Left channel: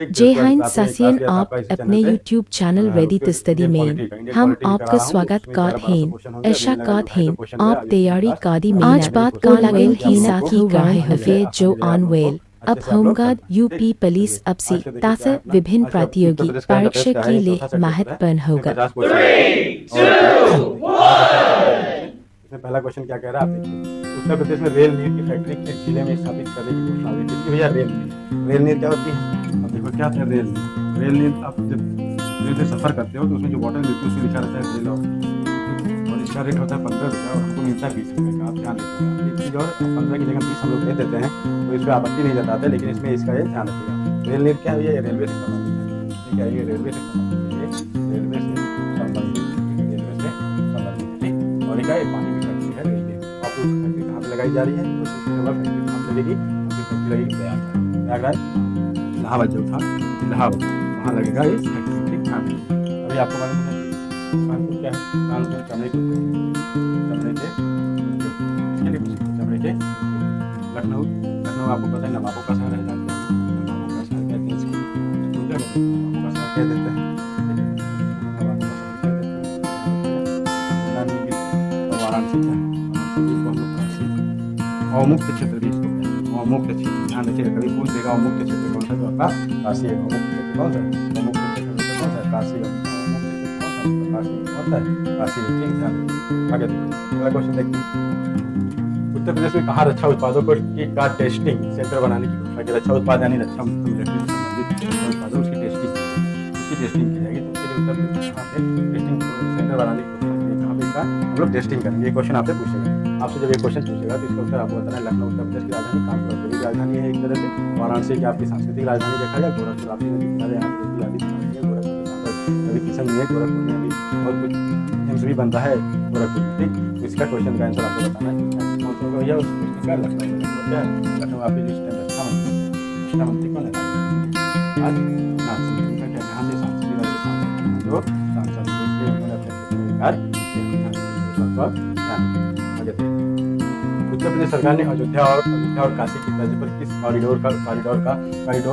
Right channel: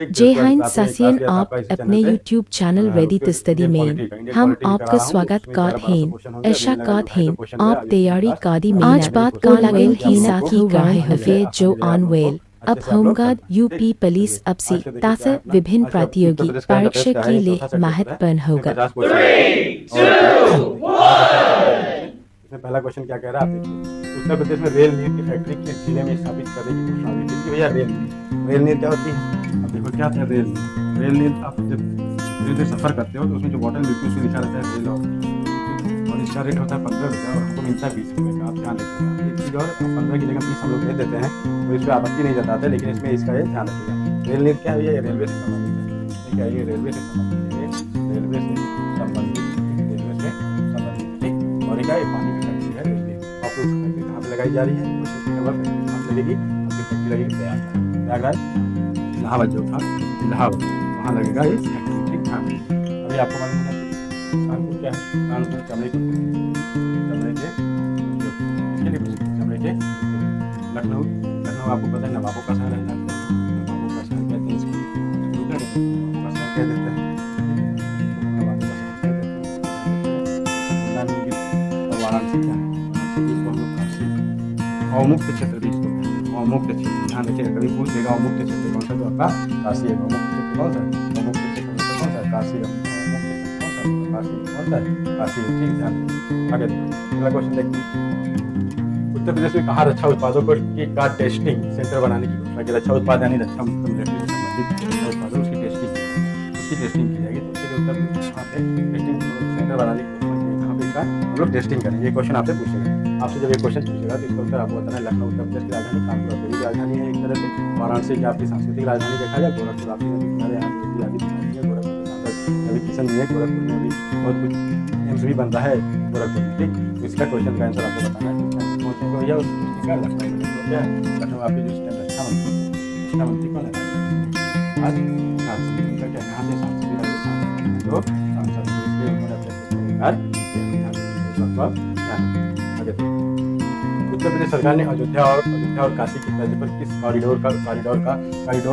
जय हिंद सासियन आप अपने YouTube चैनल वेदित स्टडी में हम आपका स्वागत करते हैं ऐशा करते हैं आप तैयारी कादी में आज बात को लगेल की साथ ही कहे हुए जो ऑनवेल अब होमगार्ड यूपी पुलिस अब से तास विभिन्न प्रतियोगी परीक्षा के लिए महत्वपूर्ण होगा। इसमें पहला क्वेश्चन क्या कह रहा है आप देखिए। उत्तर प्रदेश में रेल नीर की फैक्ट्री किस जिले में स्थापित करने की घोषणा हुई? किसकी भैया? रेल नीर। रेल नीर क्या होती है? अब देखो क्या होता है रेल नीर। रेल नीर आप जब ट्रेन से सफ़र करते हो तो उसमें जो बॉटल मिलती है उसमें लिखा रहता है रेल और ठीक, और इसका रेट होता है 15 रुपये और हमको मिलता है 20 रुपये का। आप ध्यान रखिएगा एक चीज़ और, 15 की जगह 20 हम लोग दे देते हैं तो इस पर आपत्ति नहीं जताते, लेकिन इसमें इसका ये ध्यान रखिएगा। रेल नीर क्या है? ये रेलवे से संबंधित है। ठीक है, ये रेलवे से संबंधित है, ये रेलवे से संबंधित, ठीक है, रेलवे से संबंधित है। ठीक, और एक पानी की फैक्ट्री है रेल नीर। आप लोग फैक्ट्री कहाँ पे लगाई जा रही है? क्वेश्चन पूछा हुआ फैक्ट्री कहाँ पे लगेगी? आपकी फैक्ट्री लगेगी प्रयागराज। इलाहाबाद जो था, इलाहाबाद वहाँ लगेगा ये फैक्ट्री। ठीक, ध्यान रखिएगा। अभी आपको मालूम होना चाहिए कानपुर क्या है? कानपुर चमड़े के उद्योग, चमड़े के उद्योग इसके लिए प्रसिद्ध है, चमड़े के उद्योग। लखनऊ, लखनऊ आपको पता है नवाबों का शहर है, जानते हैं नवाबों का शहर कहते हैं इसको। इसको क्या कहते हैं? नवाबों का शहर कह देते हैं। ठीक है, इसको लोग नवाबों का शहर कह देते हैं, इसको ध्यान रखिएगा, इसको भूलना नहीं बिल्कुल। और वाराणसी क्या है? वाराणसी भी इसको हम लोग काशी अवमुक्त क्षेत्र भी इसको कहते हैं, अवमुक्त क्षेत्र। ध्यान रखिएगा, कभी पूछ देगा अवमुक्त क्षेत्र कौन सा, तो आपका काशी है। अवमुक्त क्षेत्र कौन सा है? अवमुक्त क्षेत्र में कौन सा है? काशी। अवमुक्त क्षेत्र कौन सा है? काशी। कौन सा है? काशी है। ठीक, ध्यान रखिए। आगे देखो, अगला क्वेश्चन देखते हैं। उत्तर प्रदेश में कहाँ रक्षा उत्पादों का टेस्टिंग सेंटर बनाने की घोषणा की? रक्षा उत्पाद यानी रक्षा मिलिट्री से संबंधित जो रक्षा उत्पाद है उसकी टेस्टिंग की जाएगी, उसकी टेस्टिंग की जाएगी। तो उसके लिए उत्तर प्रदेश कहाँ पे टेस्टिंग सेंटर बनाने की घोषणा की है? कहाँ पे इसका हम लोग टेस्टिंग करेंगे? ये क्वेश्चन आपसे पूछेगा। आपसे जब ये क्वेश्चन पूछेगा तो इसका उत्तर आपको बताना है। लखनऊ उत्तर प्रदेश की राजधानी, कानपुर औद्योगिक राजधानी है एक तरह से, वाराणसी की आपकी सांस्कृतिक राजधानी देखा जाए, गोरखपुर आपकी नदी किनारे, यहाँ पे योगी आदित्यनाथ है, गोरखपुर के सांसद रवि किशन जी है, गोरखपुर में अभी बहुत कुछ एम्स भी बन रहा है गोरखपुर में। ठीक, तो इसका क्वेश्चन का आंसर आपको बताना है कि इसका आंसर कौन सा होगा भैया? टेस्टिंग का लखनऊ में। लखनऊ क्या है? लखनऊ आपकी जो इस टाइम रक्षा मंत्री है, रक्षा मंत्री कौन है? राजनाथ सिंह है। राजनाथ सिंह, उनका क्या यहाँ से सांसद सांसद जो सांसद है, तो इसलिए उन्होंने अपने क्षेत्र में विकार किया। ध्यान रखिएगा, इस बात को आप ध्यान रखिएगा। आगे देखिए, उत्तर प्रदेश सरकार ने अयोध्या और काशी की तर्ज पर किस कॉरिडोर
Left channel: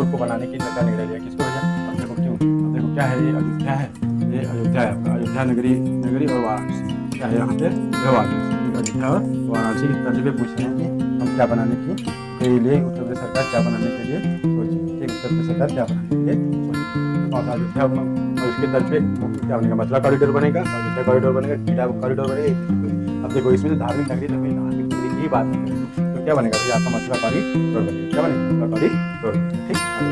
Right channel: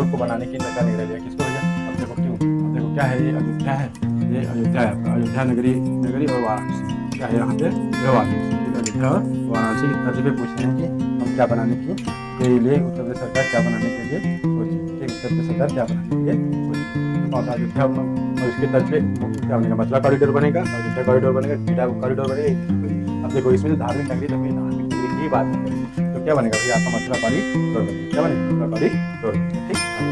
को बनाने की का निर्णय लिया? किसको भैया? अब देखो क्यों, अब देखो क्या है, ये अयोध्या है, ये अयोध्या है आपका, अयोध्या नगरी और वाराणसी क्या है यहाँ पे? यह वाराणसी। ठीक, अयोध्या और वाराणसी की तर्ज पे पूछ रहे हैं कि हम क्या बनाने के लिए उत्तर प्रदेश सरकार क्या बनाने के लिए सोची? ठीक, उत्तर प्रदेश सरकार क्या बनाने के लिए सोची? तो कौन सा? अयोध्या, और इसके तर्ज पे क्या बनेगा? मथुरा कॉरिडोर बनेगा, अयोध्या कॉरिडोर बनेगा, गीडा कॉरिडोर बनेगा। अब देखो इसमें धार्मिक नगरी, तो हमें धार्मिक नगरी की ही बात हम करेंगे, तो क्या बनेगा भैया? आपका मथुरा कॉरिडोर बनेगा। क्या बनेगा? मथुरा कॉरिडोर बनेगा। ठीक, आगे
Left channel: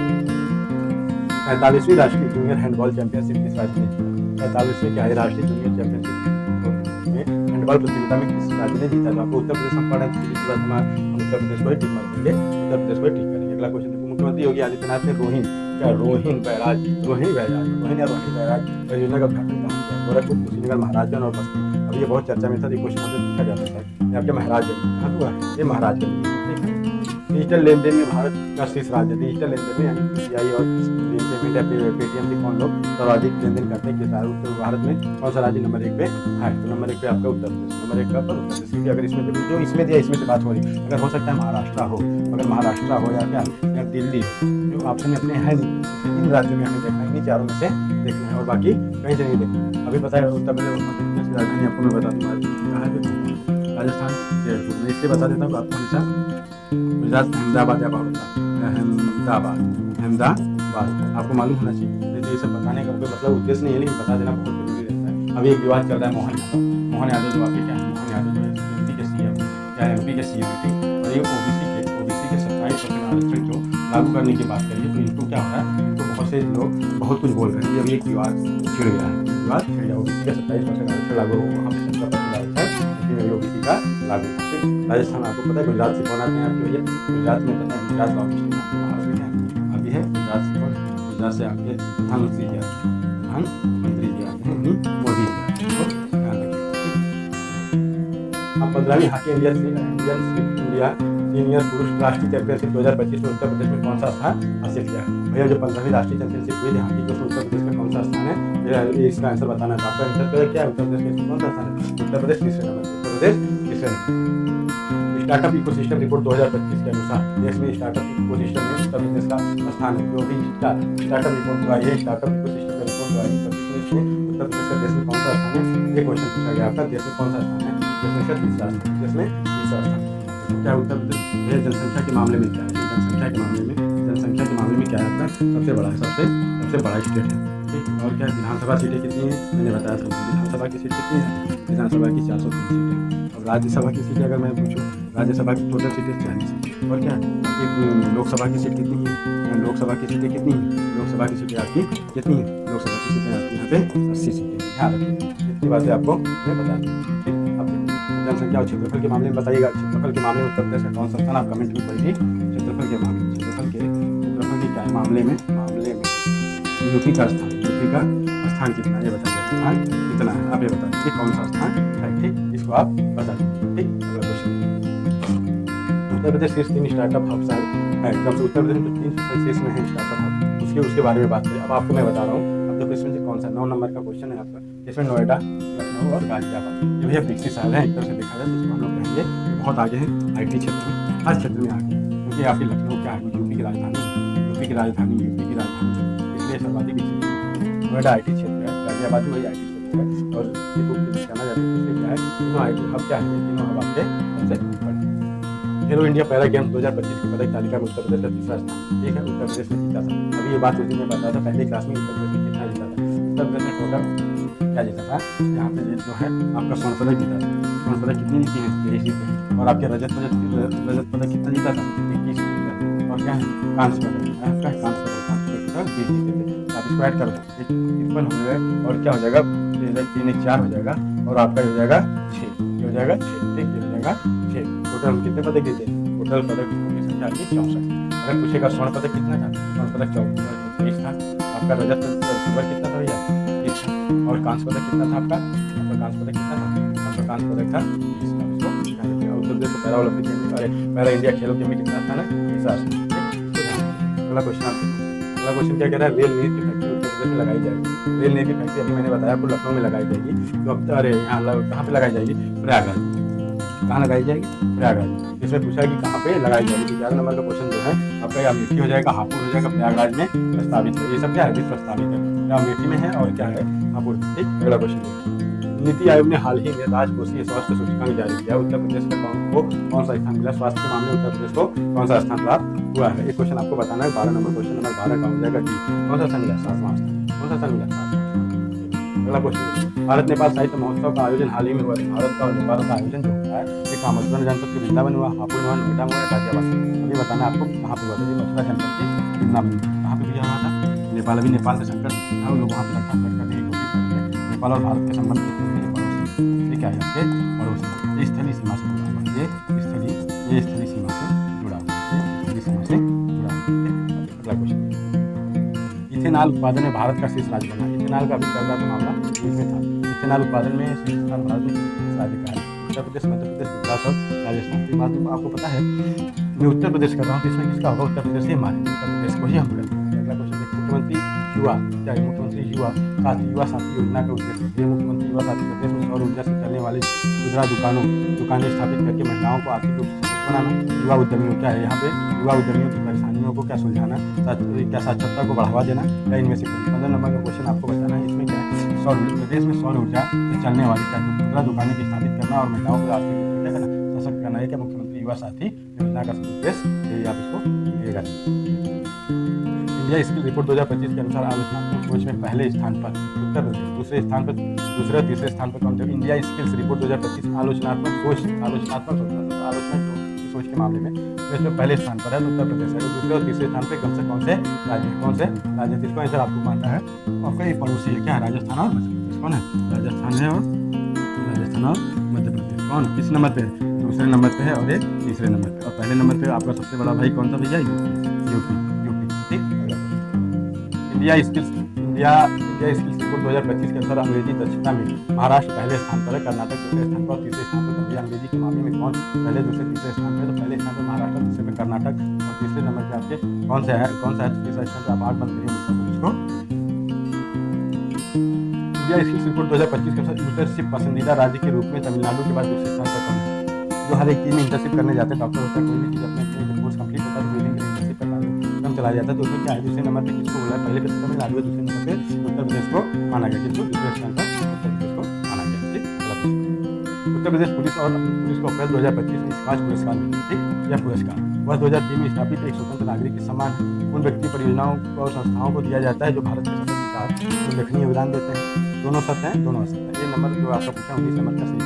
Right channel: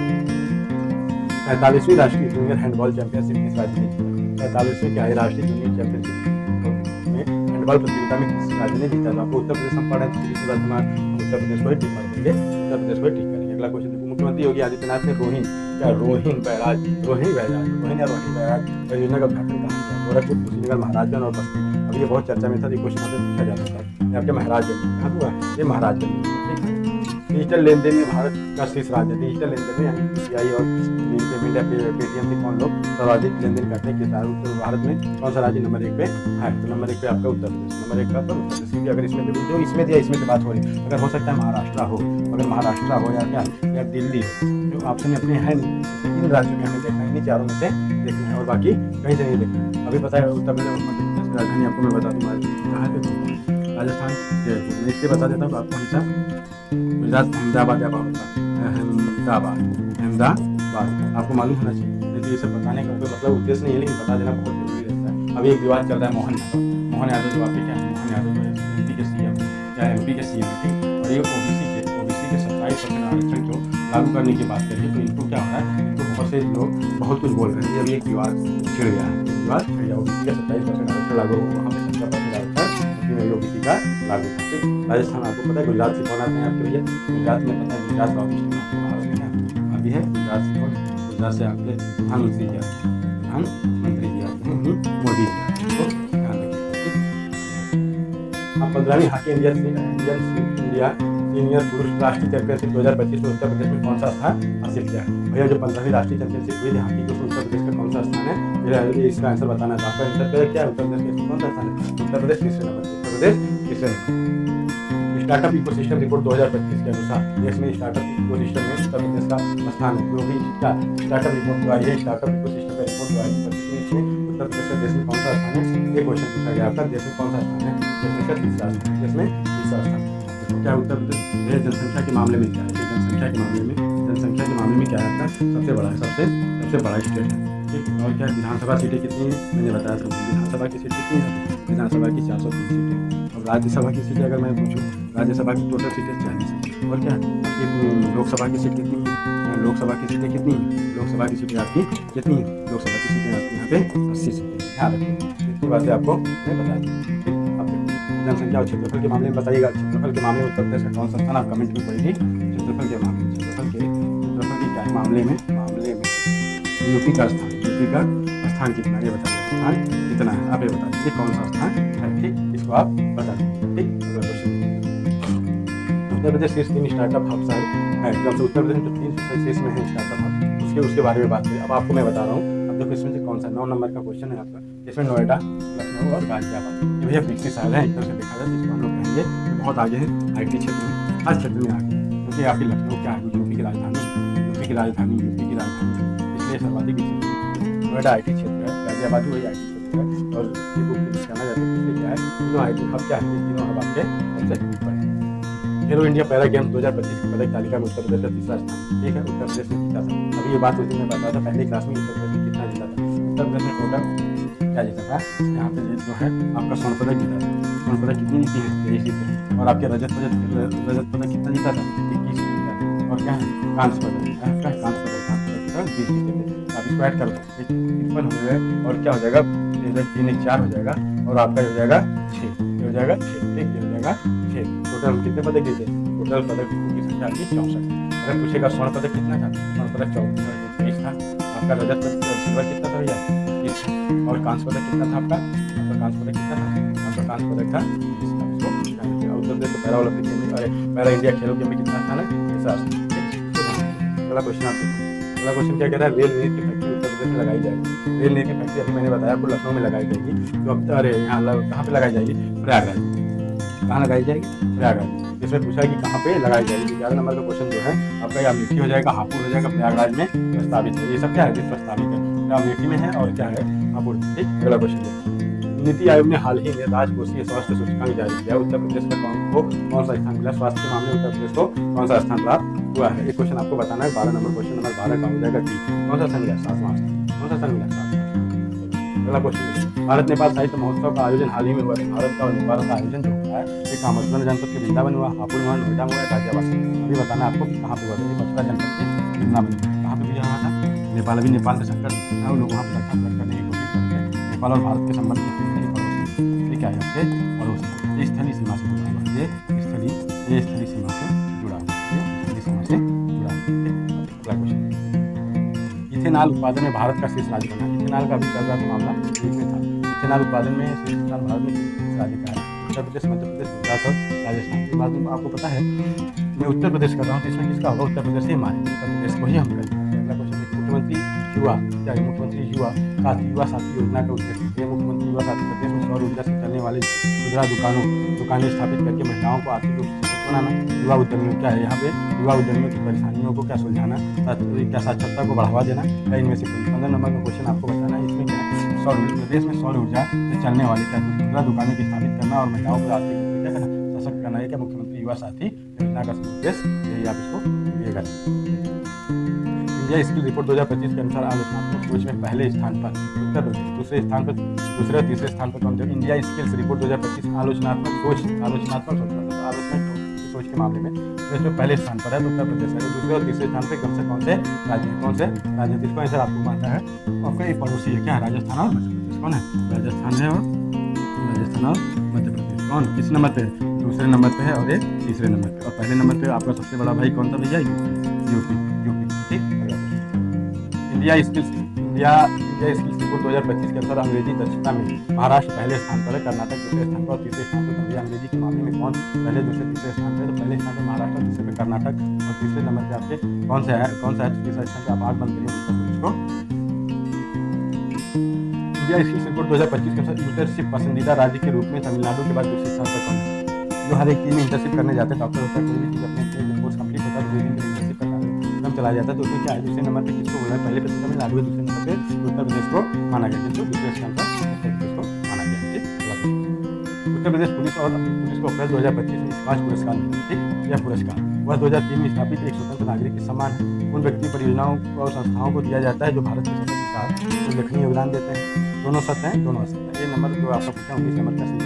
45वीं राष्ट्रीय जूनियर हैंडबॉल चैंपियनशिप किस राज्य ने जीता? 45वीं क्या है राष्ट्रीय जूनियर चैंपियनशिप में हैंडबॉल प्रतियोगिता में किस राज्य ने जीता? तो आपको उत्तर प्रदेश हम पढ़ रहे हैं, सीधी सी बात हम उत्तर प्रदेश को ही टिक मार देंगे, उत्तर प्रदेश को ही टिक करेंगे। अगला क्वेश्चन देखो, मुख्यमंत्री योगी आदित्यनाथ ने रोहिणी बैराज परियोजना का उद्घाटन कहाँ किया? गोरखपुर, कुशीनगर, महाराजगंज और बस्ती। अभी ये बहुत चर्चा में था, ये क्वेश्चन आपसे पूछा जा सकता है। ये आपके महाराजगंज में कहाँ हुआ? ये महाराजगंज में हुआ। ठीक है, डिजिटल लेन देन में भारत का शीर्ष राज्य, डिजिटल लेन देन में यानी यूपीआई और भीम पेमेंट या पेटीएम से कौन लोग सर्वाधिक लेन देन करते हैं? किस उत्तर भारत में कौन सा राज्य नंबर 1 पे है? तो नंबर 1 पे आपका उत्तर प्रदेश, नंबर 1 का पर उत्तर प्रदेश। क्योंकि अगर इसमें देखो जो इसमें दिया इसमें से बात हो रही, अगर हो सकता है महाराष्ट्र हो, अगर महाराष्ट्र हो या क्या या दिल्ली हो, जो ऑप्शन में अपने है नहीं, इसलिए इन राज्यों में हमें देखना है, इन्हीं चारों में से देखना है और बाकी कहीं से नहीं देखना। अभी पता है उत्तर प्रदेश मध्य प्रदेश की राजधानी आपको मैं बता दूँ कहाँ है? भोपाल। राजस्थान जयपुर। मैं इसलिए बता देता हूँ आपको हमेशा गुजरात अहमदाबाद या बड़ौदा, अहमदाबाद आपको मालूम होना चाहिए। नहीं तो ये सब बताने का कोई मतलब उद्देश्य नहीं है, लेकिन बता देना बहुत जरूरी रहता है। अभी एक विवाद चल रहा है मोहन यादव जो आपके क्या है? मोहन यादव जो एमपी के सीएम है, क्या एमपी के सीएम है। ठीक, और ये ओबीसी के 27% आरक्षण को लागू करने की बात करिए, तो इनको क्या हो रहा है? इनको बहुत से लोग बहुत कुछ बोल रहे हैं। ये अभी एक विवाद छिड़ गया है, ओबीसी का 27% आरक्षण लागू हो, वहाँ पे 17% आरक्षण एमपी में भी ओबीसी का लागू था। ठीक, राजस्थान आपको पता है, गुजरात से कौन आते हैं आपके भैया? गुजरात में पता है, गुजरात लॉबिस्ट में आपके भारत में क्या अभी है? गुजरात से कौन? गुजरात से आपके प्रधानमंत्री जी आते हैं, प्रधानमंत्री जी आते हैं, मोदी जी आते हैं, इसको ध्यान रखिएगा। ठीक, अब 15वीं हॉकी इंडिया सीनियर पुरुष राष्ट्रीय चैंपियनशिप 2025 में उत्तर प्रदेश में कौन सा स्थान हासिल किया है? भैया जो 15वीं राष्ट्रीय चैंपियनशिप हुई थी हॉकी की, उसमें उत्तर प्रदेश का कौन सा स्थान है? इसका आंसर बताना है। तो आपका आंसर क्या है? उत्तर प्रदेश का इसमें कौन सा स्थान है? उत्तर प्रदेश तीसरे नंबर पर, उत्तर प्रदेश तीसरे नंबर पर। स्टार्टअप इकोसिस्टम रिपोर्ट 2025 के अनुसार देश में स्टार्टअप इकोसिस्टम में उत्तर प्रदेश का स्थान है। जो भी स्टार्टअप रिपोर्ट जो आई है, स्टार्टअप इकोसिस्टम का रिपोर्ट जो आई है 25 में, इसमें उत्तर प्रदेश का देश में कौन सा स्थान है, ये क्वेश्चन पूछा गया आपका। देश में कौन सा स्थान है, देश में इसका तीसरा स्थान है, देश में तीसरा स्थान। अब देखो क्या है उत्तर प्रदेश, यह जनसंख्या के मामले में क्या है, ये जनसंख्या के मामले में क्या है आपका, सबसे बड़ा है, सबसे बड़ा स्टेट है। ठीक, और क्या है, विधानसभा सीटें कितनी हैं, मैंने बताया था। विधानसभा की सीट कितनी है, विधानसभा की 403 सीटें। अब राज्यसभा की सीटें अगर मैं पूछूं, राज्यसभा की टोटल सीटें 40 है। और क्या है आपकी लोकसभा की सीट कितनी है, यहाँ लोकसभा की सीटें कितनी हैं, लोकसभा की सीटें आपकी कितनी हैं, लोकसभा की सीटें आपकी यहाँ पे 80 सीटें। ध्यान रखिए, इतनी बातें आपको मैं बता दी। ठीक, अब देखो जनसंख्या और क्षेत्रफल के मामले में बताइएगा। क्षेत्रफल के मामले में उत्तर प्रदेश का कौन सा स्थान, आप कमेंट में कोई भी क्षेत्रफल के मामले में, क्षेत्रफल के क्या है मामले में यूपी का स्थान कितना है, ये बताइए स्थान कितना है, आप ये बता दीजिए कौन सा स्थान है। ठीक, इसको आप बता दीजिएगा। ठीक, अगला क्वेश्चन देखिए। उत्तर प्रदेश शीर्ष 3 स्टार्टअप हब है एकदम से। उत्तर प्रदेश में जो 300 में है स्टार्टअप हब, उसके बारे में बात करें। अब आपको मैं बता रहा हूँ। अब देखो इसमें से कौन सा 9 नंबर का क्वेश्चन है आपका, जिसमें नोएडा, लखनऊ और गाजियाबाद ये भैया विकसित शहर है। एक तरह से देखा जाए तो इसको हम लोग कहेंगे कि बहुत आगे हैं, IT क्षेत्र में, हर क्षेत्र में आगे हैं। क्योंकि आपकी लखनऊ क्या है, यूपी की राजधानी है, यूपी की राजधानी है, इसलिए सर्वाधिक विकसित होनी चाहिए। नोएडा IT क्षेत्र है, गाजियाबाद भी वही IT क्षेत्र है, और ये बुक के लिए जाना जाता है। इसलिए क्या है, तीनों IT हब क्या है, ये तीनों हब आपके सबसे बड़े हैं। खेलो इंडिया पैरा गेम्स 2025 की पदक तालिका में उत्तर प्रदेश का तीसरा स्थान। ठीक है, उत्तर प्रदेश ने जीता था। अभी ये बात उस दिन में पता था, पहले क्लास में उत्तर प्रदेश ने कितना जीता था। उत्तर प्रदेश ने टोटल क्या जीता था, यहाँ पे जो है आपका स्वर्ण पदक जीता था। स्वर्ण पदक कितनी जीती हैं, 23 जीते हैं। और आपके रजत पदक कितना जीता था, 21 जीता था। और क्या है, कांस्य पदक टोटल 20 जीते थे। तो आप इसको ऐड कर दो, 53 हो गए, और क्या हो जाएगा, 3 1 4 हो जाएगा, और आपका हो जाएगा 6, ये हो जाएगा 6। ठीक, ये हो जाएगा 6। टोटल हम कितने पदक जीते, टोटल पदकों की संख्या आपकी 64 थी। अगर पूछेगा स्वर्ण पदक कितना था, स्वर्ण पदक 23 था। आपका रजत सिल्वर कितना था भैया, 21 था। और कांस्य पदक कितना था आपका कांस्य पदक कितना था, आपका कांस्य पदक था 20। आप इसको ध्यान रखिए। उत्तर प्रदेश को पैरा ओलंपिक गेम में, अरे पैरा इंडिया खेलों गेम में कितना स्थान है, तीसरा स्थान। ठीक, इसको ध्यान रखिए। अगला क्वेश्चन आप देखो। अगला क्वेश्चन क्या कह रहा है, रेल नीर की फैक्ट्री उत्तर प्रदेश में लगाई जाएगी। रेल नीर की फैक्ट्री अभी मैंने बताया आपको लखनऊ में लगाई जाएगी। तो अब अरे यहाँ कहाँ पे लगाई जाएगी, प्रयागराज में। कहाँ लगाई जाएगी, प्रयागराज में। इसमें पूछा है कि कहाँ पे लगाई जाएगी। तो 11 नंबर का क्वेश्चन जो है आपका, या अमेठी हो जाएगा, हापुड़ हो जाएगा, प्रयागराज में प्रस्तावित है। ये सब क्या है, भी प्रस्तावित है, या अमेठी में है और क्या है, हापुड़ में। ठीक, अगला क्वेश्चन देखते हैं। नीति आयोग ने हाल ही में राजकोषीय स्वास्थ्य सूचकांक जारी किया। उत्तर प्रदेश का कौन सा स्थान मिला, स्वास्थ्य के मामले में उत्तर प्रदेश को कौन सा स्थान प्राप्त हुआ है। एक क्वेश्चन आपको बताना है। 12 नंबर क्वेश्चन नंबर 12 का हो जाएगा डी। कौन सा स्थान मिला, 7वां स्थान। कौन सा स्थान मिला, 7वां स्थान। अगला क्वेश्चन देखिए। भारत नेपाल साहित्य महोत्सव का आयोजन हाल ही में हुआ है। भारत का और नेपाल का आयोजन जो हो रहा है, एक मथुरा जनपद के वृंदावन हुआ, हापुड़ में हुआ, नोएडा में हुआ, गाजियाबाद। अभी बताना है आपको कि कहाँ पे हुआ था। ये मथुरा जनपद के वृंदावन में। कहाँ पे हुआ था, नेपाल। अभी नेपाल में संकट था, लोग वहाँ पे रखा पलट करने की कोशिश कर रहे थे। नेपाल और भारत के संबंध कितने हैं, ये पड़ोसी हैं। ये क्या है, आपके पड़ोसी, ये स्थलीय सीमा से जुड़ा हुआ है, ये स्थलीय सीमा से जुड़ा हुआ है, ये स्थलीय सीमा से जुड़ा हुआ है। ठीक, अगला क्वेश्चन। इथेनॉल उत्पादन में भारत का शीर्ष राज्य बना। इथेनॉल का अभी चल रहा था मामला, न्यूज में था। इथेनॉल उत्पादन में शीर्ष स्थान भारत में किस राज्य का है, उत्तर प्रदेश, मध्य प्रदेश, गुजरात और राजस्थान। तो ये बात आपको पता है, मैं उत्तर प्रदेश कर रहा हूँ, तो इसमें किसका होगा, उत्तर प्रदेश ही हमारे, उत्तर प्रदेश को ही हम करेंगे। अगला क्वेश्चन देखिए। मुख्यमंत्री युवा क्या है, मुख्यमंत्री युवा साथी योजना का उद्देश्य है। ये मुख्यमंत्री युवा साथी प्रदेश में सौर ऊर्जा से चलने वाली खुदरा दुकानें स्थापित करके महिलाओं को आर्थिक रूप से सशक्त बनाना। युवा उद्यमियों क्या है, यहाँ पे युवा उद्यमियों की परेशानियों को क्या सुलझाना, क्या साक्षरता को बढ़ावा देना, या इनमें से कोई। 15 नंबर का क्वेश्चन आपको बताना है। इसमें क्या है, प्रदेश में सौर ऊर्जा से चलने वाली क्या खुदरा दुकानें की स्थापित करना और महिलाओं को आर्थिक रूप से क्या करना, सशक्त करना है क्या मुख्यमंत्री युवा साथी योजना का उद्देश्य, यही आप इसको भूलिएगा। इंडिया स्किल रिपोर्ट 2025 के अनुसार आलोचनात्मक सोच में पहले स्थान पर उत्तर प्रदेश, दूसरे तीसरे स्थान पर कौन थे। इंडिया स्किल्स रिपोर्ट 2025 में आलोचनात्मक सोच मतलब आलोचना की सोच के मामले में इसमें पहले स्थान पर है तो उत्तर प्रदेश है। और दूसरे और तीसरे स्थान पर कम से कौन से राज्य है, इसको आंसर आपको मानना है। आपका ये पड़ोसी है, क्या है, राजस्थान और मध्य प्रदेश। कौन है, राजस्थान है और मध्य प्रदेश। कौन किस नंबर पे है, दूसरे नंबर पे है और एक तीसरे नंबर पे। और पहले नंबर पे आपका सबसे बड़ा भाई कौन सा भैया, यूपी। ठीक, अगला क्वेश्चन। इंडिया स्किल्स रिपोर्ट 2025 के अनुसार अंग्रेजी दक्षता में महाराष्ट्र पहले स्थान पर है, कर्नाटक दूसरे स्थान पर और तीसरे स्थान पर। तो भैया अंग्रेजी के मामले में कौन पहले, दूसरे, तीसरे स्थान पर है। तो पहले स्थान पर महाराष्ट्र, दूसरे पे कर्नाटक और तीसरे नंबर पे आपके कौन सा है, तो तीसरा स्थान पर आप 8 बंद करिए उत्तर प्रदेश को। इंडिया स्किल्स रिपोर्ट 2025 के अनुसार इंटर्नशिप पसंदीदा राज्य के रूप में तमिलनाडु के बाद दूसरे स्थान पर कौन है। जो हर एक चीज़ में इंटर्नशिप करने जाते हैं, डॉक्टर होता है, कोई भी चीज़ अपने अपने जब कोर्स कंप्लीट होता है तो कुछ दिन के लिए इंटर्नशिप का कार्यक्रम चलाया जाता है। तो उसमें क्या है, दूसरे नंबर पे किसको बोला है, पहले पे तो तमिलनाडु है, दूसरे नंबर पे उत्तर प्रदेश को माना गया। किसको? दूसरे स्थान पर उत्तर प्रदेश को माना गया। ठीक, अगला क्वेश्चन। उत्तर प्रदेश पुलिस और पुलिस को अप्रैल 2025 में स्काच पुरस्कार मिला। ठीक, यह पुरस्कार वर्ष 2003 में स्थापित एक स्वतंत्र नागरिक के सम्मान है। उन व्यक्ति परियोजनाओं और संस्थाओं को दिया जाता है जो भारत के सतत विकास में उल्लेखनीय योगदान देते हैं। दोनों सत्य हैं, दोनों असत्य हैं। ये नंबर जो आपका पूछा 19 नंबर का सही,